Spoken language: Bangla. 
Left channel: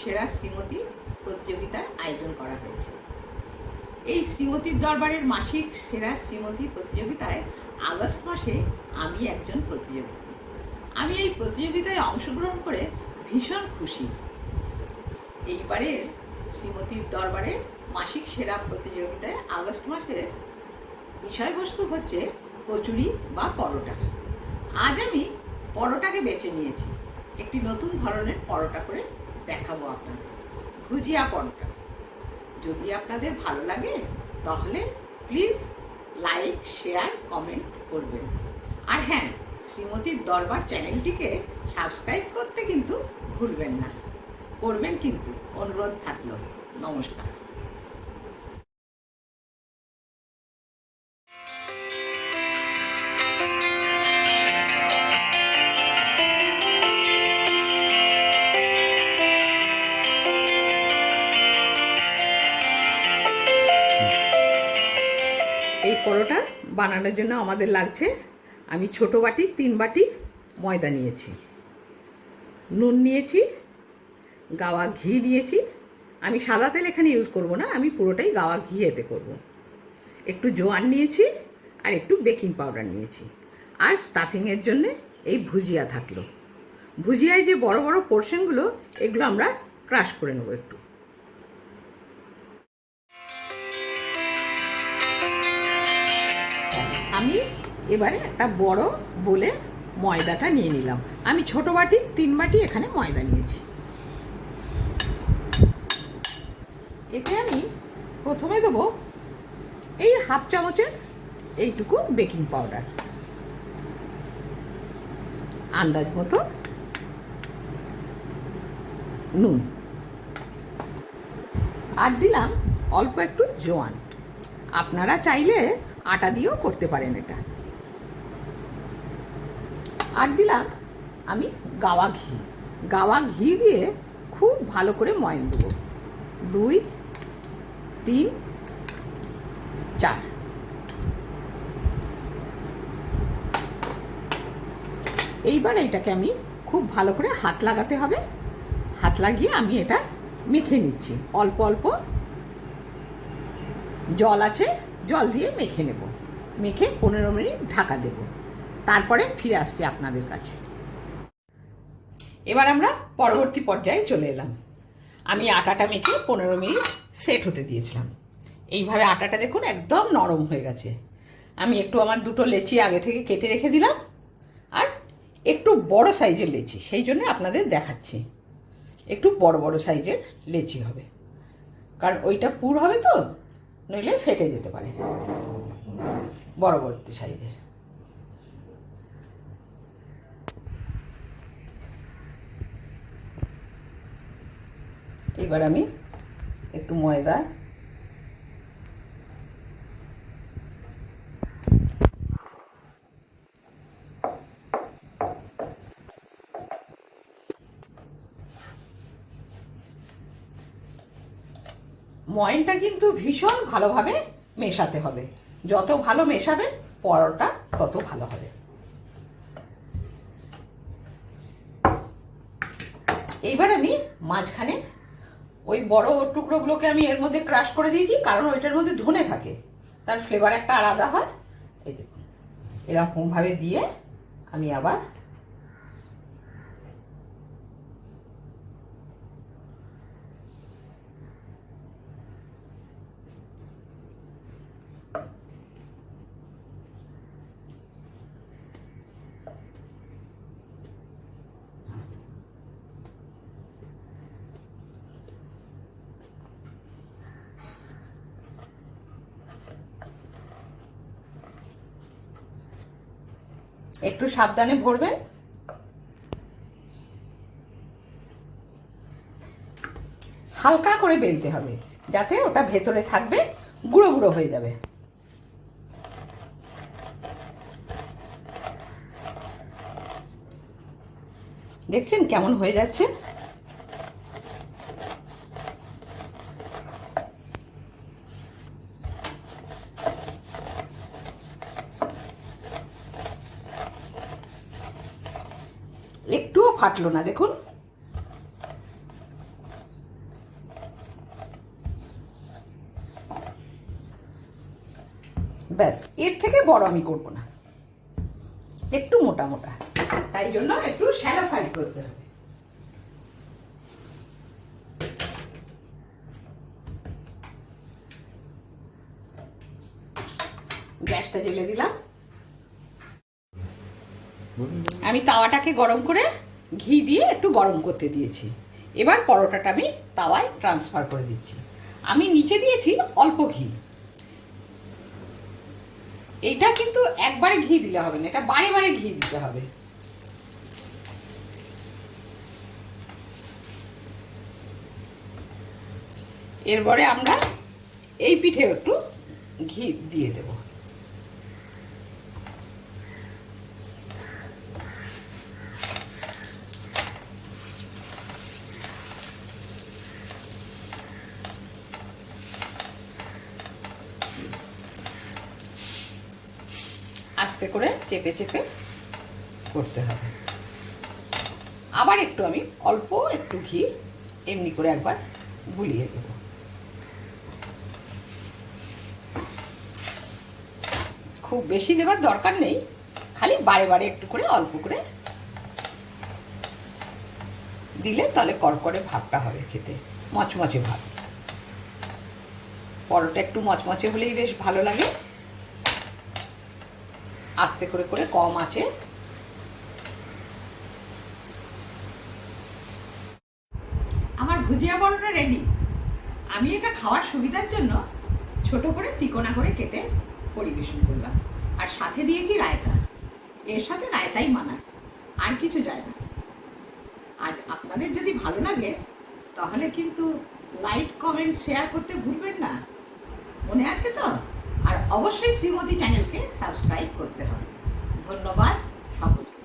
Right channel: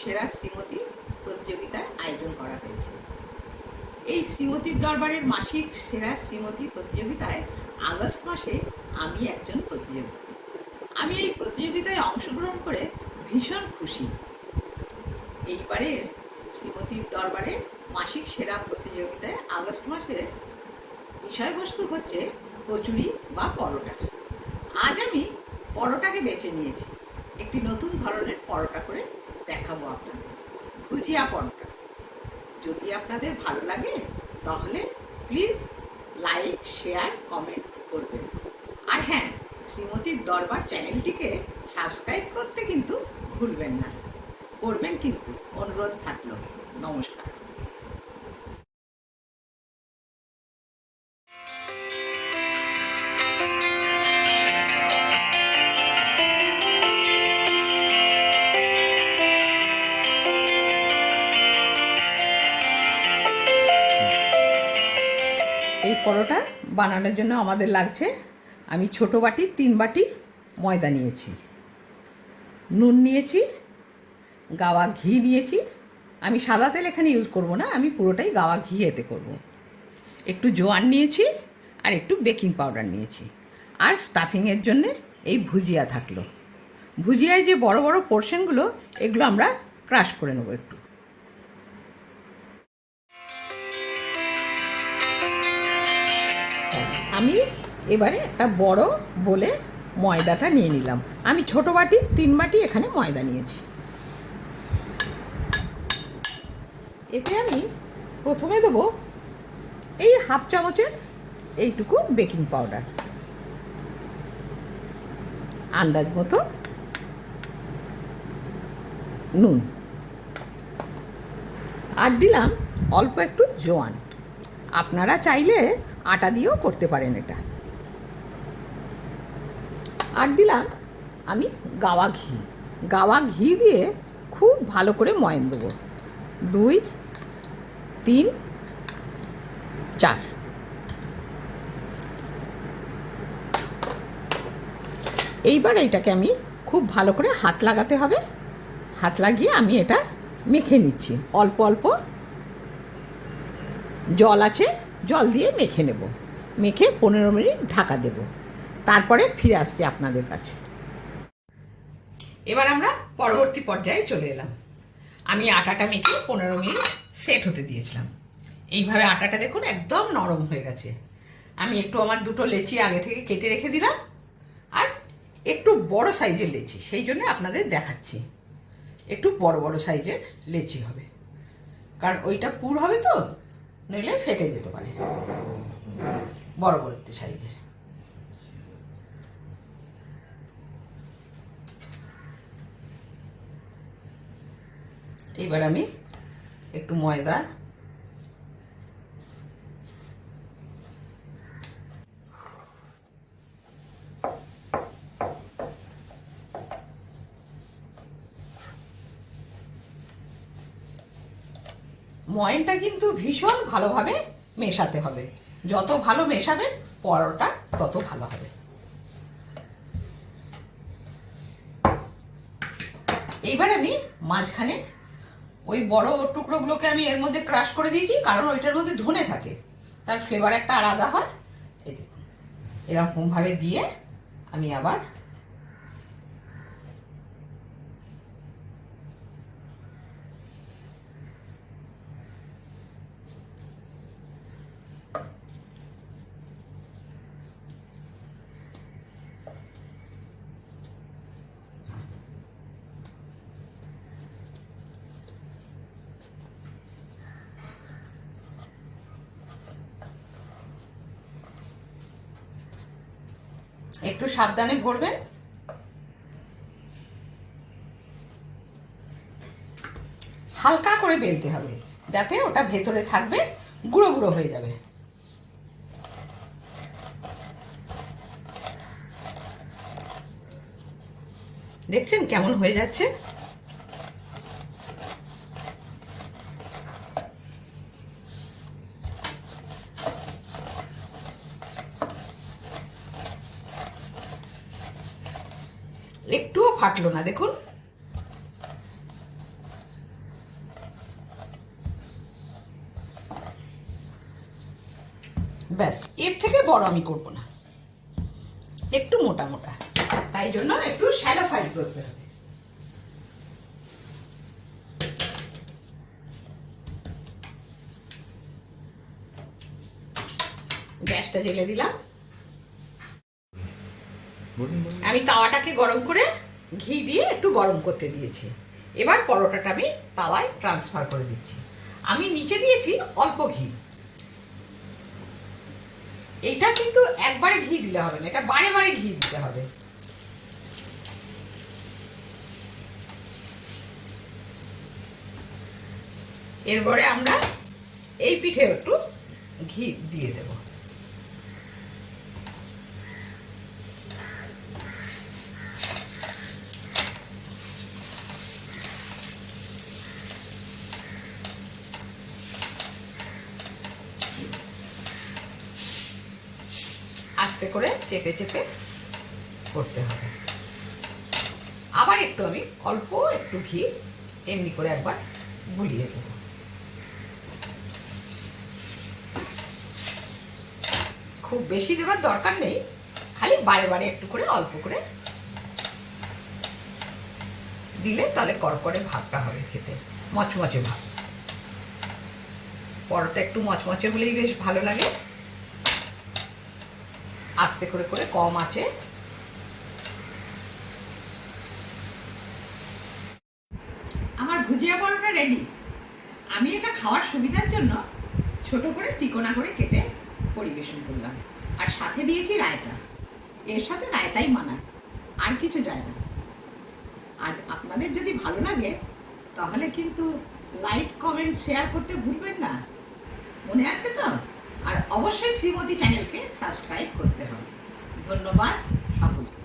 সেরা শ্রীমতী প্রতিযোগিতার আয়োজন করা হয়েছে। এই শ্রীমতীর দরবারের মাসিক সেরা শ্রীমতী প্রতিযোগিতায় আগস্ট মাসে আমি একজন প্রতিযোগিতা আমি এই প্রতিযোগিতায় অংশগ্রহণ করে ভীষণ খুশি। এইবারের শ্রীমতীর দরবারে মাসিক সেরা প্রতিযোগিতায় আগস্ট মাসের বিষয়বস্তু হচ্ছে কচুরি বা পরোটা। আজ আমি পরোটাকে বেছে নিয়েছি। একটি নতুন ধরনের পরোটা করে দেখাবো আপনাদের। ভুজিয়া পরোটা যদি আপনাদের ভালো লাগে, তাহলে প্লিজ লাইক শেয়ার কমেন্ট করবেন। আর হ্যাঁ শ্রীমতীর দরবার চ্যানেলটিকে সাবস্ক্রাইব করতে কিন্তু ভুলবেন না। করবেন কিন্তু। অনুরোধ থাকল। নমস্কার। পরোটা বানানোর জন্য আমাদের লাগছে। আমি ছোট বাটি, তিন বাটি ময়দা নিয়েছি। নুন নিয়েছি, গাওয়া ঘি নিয়েছি। আমি সাদা তেল এখানে ইউজ করব না, আমি পুরোটাই গাওয়া ঘি এতে করব। একটু জোয়ান নিয়েছি আর একটু বেকিং পাউডার নিয়েছি। আর স্টাফিংয়ের জন্য এই ভুজিয়া থাকল। ভুজিয়ায় যে বড় বড় পোর্শনগুলো এগুলো আমরা ক্রাশ করে নেব একটু। আমি এবারে একটা বড় বলে ময়দাটা নিয়ে নিলাম। আমি ছোট বাটি, তিন বাটি এখানে ময়দা নিয়েছি। এতে আমি প্রথমে দেবো এই হাফ চামচের এইটুকু বেকিং পাউডার। আন্দাজ মতো নুন। আর দিলাম অল্প একটু জোয়ান। আপনারা চাইলে আটা দিয়েও করতে পারেন এটা। আর দিলাম আমি গাওয়া ঘি। গাওয়া ঘি দিয়ে খুব ভালো করে ময়ন দেবো। দুই, তিন, চার। এইবার এইটাকে আমি খুব ভালো করে হাত লাগাতে হবে। হাত লাগিয়ে আমি এটা মেখে নিচ্ছি। অল্প অল্প জল আছে। জল দিয়ে মেখে নেব। মেখে পনেরো মিনিট ঢাকা দেব। তারপরে ফিরে আসছি আপনাদের কাছে। এবার আমরা পরবর্তী পর্যায়ে চলে এলাম। আমি আটাটা মেখে পনেরো মিনিট সেট হতে দিয়েছিলাম। এইভাবে আটাটা দেখুন একদম নরম হয়ে গেছে। আমি একটু আমার দুটো লেচি আগে থেকে কেটে রেখে দিলাম। আর একটু বড় সাইজের লেচি, সেই জন্য আপনাদের দেখাচ্ছি। একটু বড় বড় সাইজের লেচি হবে। কারণ ওইটা পুর হবে তো। নইলে ফেটে যেতে পারে। বড়বর্তী বড় সাইজের। এবার আমি একটু ময়দা ময়নটা কিন্তু ভীষণ ভালোভাবে মেশাতে হবে। যত ভালো মেশাবেন পরোটা তত ভালো হবে। এইবার আমি মাঝখানে ওই বড় টুকরোগুলোকে আমি এর মধ্যে ক্রাশ করে দিয়েছি, কারণ ওইটার মধ্যে ধনে থাকে। তার ফ্লেভার একটা আলাদা হয়। এই দেখুন। এরকমভাবে দিয়ে আমি আবার একটু সাবধানে ভরবেন। হালকা করে বেলতে হবে, যাতে ওটা ভেতরে থাকবে, গুঁড়ো গুঁড়ো হয়ে যাবে। দেখছেন কেমন হয়ে যাচ্ছে? একটুও ফাটলো না, দেখুন। ব্যাস, এর থেকে বড় আমি করব না। একটু মোটা মোটা, তাই জন্য একটু শ্যালো ফ্রাই করতে হবে। গ্যাসটা জ্বেলে দিলাম। আমি তাওয়াটাকে গরম করে ঘি দিয়ে একটু গরম করতে দিয়েছি। এবার পরোটাটা আমি তাওয়ায় ট্রান্সফার করে দিচ্ছি। আমি নিচে দিয়েছি অল্প ঘি। এটা কিন্তু একবারে ঘি দিলে হবে না, এটা বারে বারে ঘি দিতে হবে। এরপরে আমরা এই পিঠে একটু ঘি দিয়ে দেবো। আস্তে করে চেপে চেপে করতে হবে। আবার একটু আমি অল্প একটু ঘি এমনি করে একবার গুলিয়ে দেব। খুব বেশি দেওয়ার দরকার নেই, খালি বারে বারে একটু করে অল্প করে দিলে তাহলে কড়কড়ে ভাবটা হবে খেতে, মচমচে ভাব। পরোটা একটু মচমচে হলেই বেশ ভালো লাগে। আস্তে করে করে কম আছে। আমার ভুজিয়া বড়টা রেডি আমি এটা খাওয়ার সুবিধার জন্য ছোট করে তিকোনা করে কেটে পরিবেশন করলাম। আর সাথে দিয়েছি রায়তা। এর সাথে রায়তাই মানায়। আর কিছু যায় না। আর আপনাদের যদি ভালো লাগে, তাহলে কিন্তু লাইক কমেন্ট শেয়ার করতে ভুলবেন না। মনে আছে তো? আর অবশ্যই শ্রীমতী চ্যানেলকে সাবস্ক্রাইব করতে হবে। ধন্যবাদ সকলকে।